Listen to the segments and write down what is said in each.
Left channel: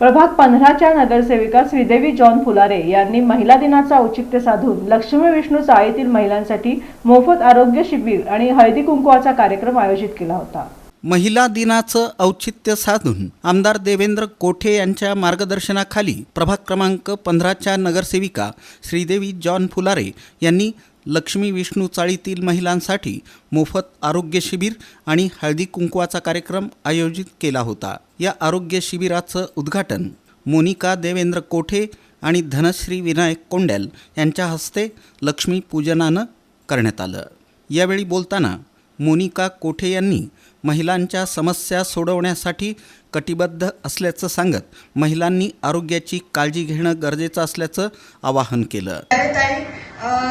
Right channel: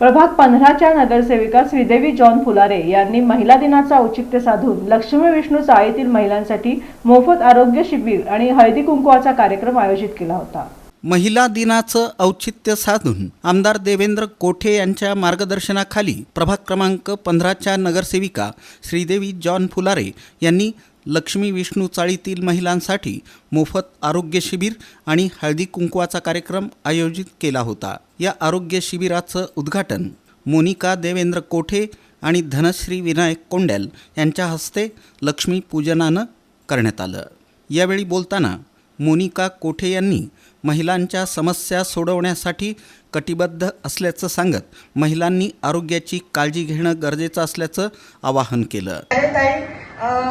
प्रभाग 15च्या नगरसेविका श्रीदेवी जॉन फुलारे यांनी महिला दिनाचं औचित्य साधून लक्ष्मी विष्णू चाळीतील महिलांसाठी मोफत आरोग्य शिबिर आणि हळदी कुंकवाचा कार्यक्रम आयोजित केला होता। महिला दिनाचं औचित्य साधून आमदार देवेंद्र कोठे यांच्या मार्गदर्शनाखाली प्रभाग क्रमांक 15च्या नगरसेविका श्रीदेवी जॉन फुलारे यांनी लक्ष्मी विष्णू चाळीतील महिलांसाठी मोफत आरोग्य शिबिर आणि हळदी कुंकवाचा कार्यक्रम आयोजित केला होता। या आरोग्य शिबिराचं उद्घाटन मोनिका देवेंद्र कोठे आणि धनश्री विनायक कोंडेल यांच्या हस्ते लक्ष्मी पूजनानं करण्यात आलं। यावेळी बोलताना मोनिका कोठे यांनी महिलांच्या समस्या सोडवण्यासाठी कटिबद्ध असल्याचं सांगत महिलांनी आरोग्याची काळजी घेणं गरजेचं असल्याचं आवाहन केलं।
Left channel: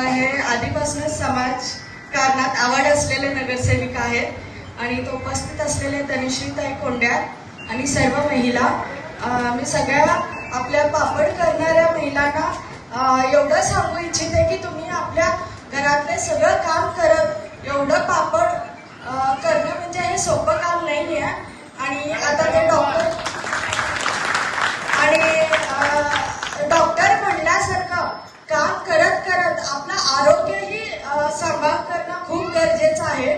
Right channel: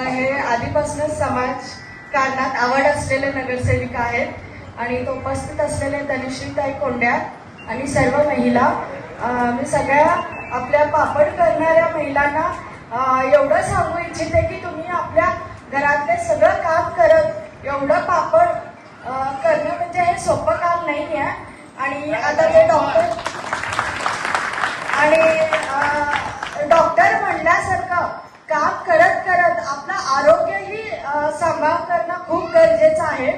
हे आधीपासूनच समाजकारणात आवड असलेले नगरसेविका आहेत आणि उपस्थित असलेले धनश्रीताई कोंड्या आणि सर्व महिला, मी सगळ्या आपल्या पापड करणाऱ्या महिलांना एवढं सांगू इच्छिते की तुम्ही आपल्या घरातले सगळं काम करत एवढं पापड करणं म्हणजे हे सोपं काम नाही आहे। आणि आता ते डॉक्टर म्हणल्यासारखं काम करत करत आपलं आरोग्यही सांभाळ करणं खूप गरजेचं आहे।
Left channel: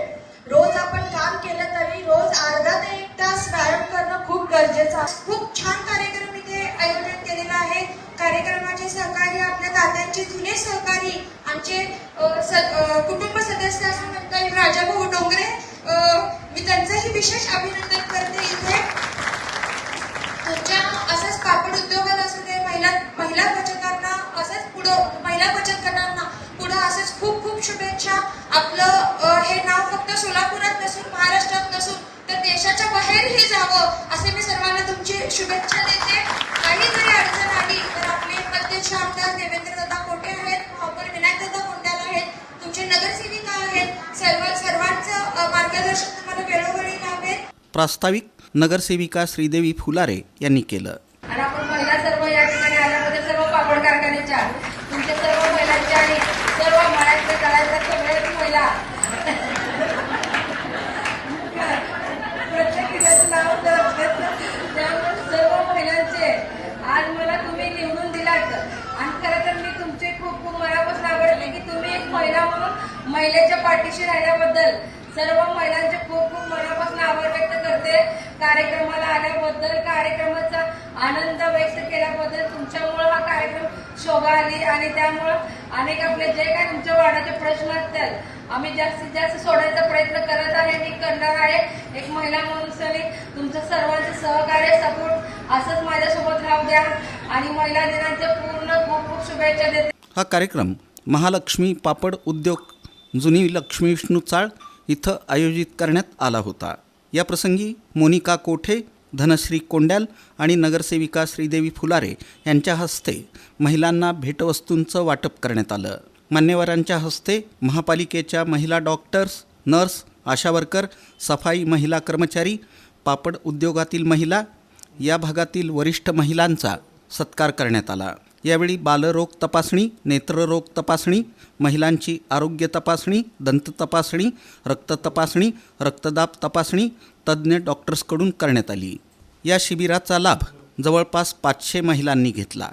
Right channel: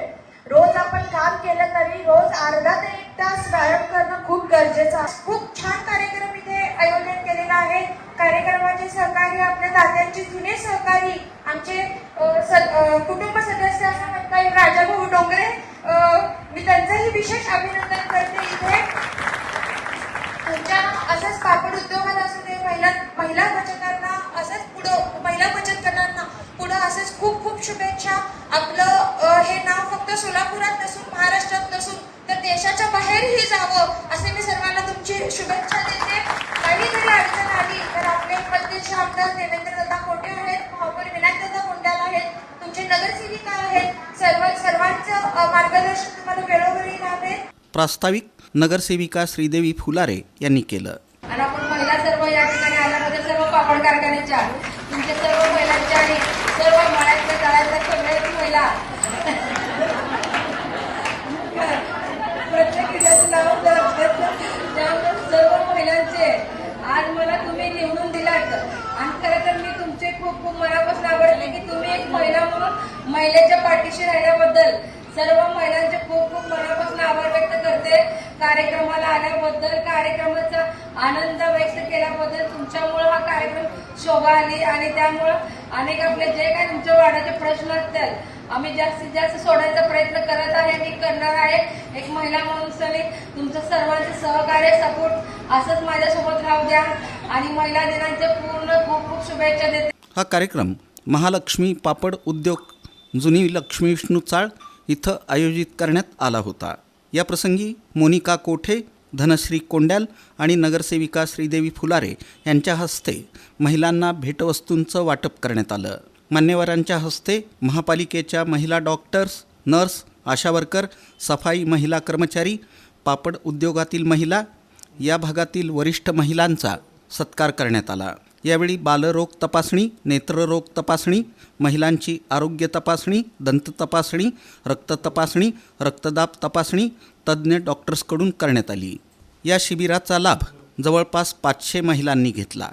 रोज आपण काम केलं तरी रोज अर्धा ते 1 तास व्यायाम करणं खूप गरजेचं आहे। खूप छान कार्यक्रम इथे आयोजन केलेला आहे। कार्यक्रमाचे सहकारी आपल्या तात्यांची जुने सहकारी आमचे कुटुंब सदस्य असं म्हणता येईल राजाभाऊ डोंगरे, मी त्यांचंही विशेष अभिनंदन करते। इथे तुमच्या असंच पापड उद्योगात असू दे, महिला बचतांना असंच महिला बचत गटांना पुढे असंच खूप खूप शुभेच्छा। आपलं हे नाव फक्त सोलापुरात नसून महाराष्ट्रात नसून तर देशाच्या बाहेरही जावं असे मी सर्वांना तुमची शुभेच्छा देते। काही जरी अडचण आली तर आपले प्रत्यक्ष आमदार देवेंद्र कोठे आहेत, महापौर विनायक कोंडाल आहेत, तुमचे नगरसेविका आहेत, सर्वांचं मार्गदर्शन तुम्हाला वेळोवेळी लाभेल। प्रास्ताविक नगरसेविका श्रीदेवी फुलारे यांनी केलं। आणि आपण महिला सर्व या ठिकाणी आल्यामध्ये सर्व पापड कारखान्याच्या तुमच्या सर्व महिलांच्या आणि सर्व मळ्यातल्या तळ्यातल्या सगळ्याच महिला प्रत्येकीचं नाव त्यामुळे सर्व महिलांचे आज मला तुम्ही निवडून दिलात आणि खरं तर मी तुमचे खूप खूप मनापासून आवडते की तुम्ही एक महिला म्हणून महिलेच्या पाठीशी राहिल्याबद्दल सर्व महिलांचे खूप खूप मनापासून आभार व्यक्त करते। कार्यक्रमाला आल्याबद्दल, कार्यक्रमाचा आनंद व्यक्त केल्याबद्दल तुमच्यामुळे हा कार्यक्रम शोभा आली आणि त्यामुळं अनेक आपले जे काही तुमच्या वाड्याचे प्रश्न असतील आम्ही जास्तीत जास्त सोडवायचा प्रयत्न करत आहे, मी करणार आहे। एक महिला म्हणून तुमचं सर्वांचं सहकार्य सपोर्ट असंच माझ्यासोबत राहू द्या आणि महिला दिनाचे पूर्ण खूप खूप शुभेच्छा देते। हा कार्यक्रम महालक्ष्मी पापड उद्योग जुनी लक्ष्मी विष्णू चाळ इथं आयोजित करण्यात आला होता। या प्रसंगी मोनिका कोठे, धनश्री कोंड्याल आणि नगरसेविका श्रीदेवी फुलारे यांच्या हस्ते महिलांना भेटवस्तूंचं वाटप करण्यात आलं। मान्यवरांच्या हस्ते महापालिकेच्या महिला डॉक्टर्स, नर्स, आशा वर्कर, सफाई महिला कर्मचारी, पापड उद्योगातील महिला या भागातील वरिष्ठ महिलांचा सत्कार करण्यात आला। यावेळी बालरोग तपासणी, नेत्ररोग तपासणी, महिलांची आरोग्य तपासणी, दंत तपासणी, रक्त तपासणी, रक्तदाब तपासणी तज्ज्ञ डॉक्टर्सकडून करण्यात आली। या शिबिराचा लाभ जवळपास 500 महिलांनी घेतला।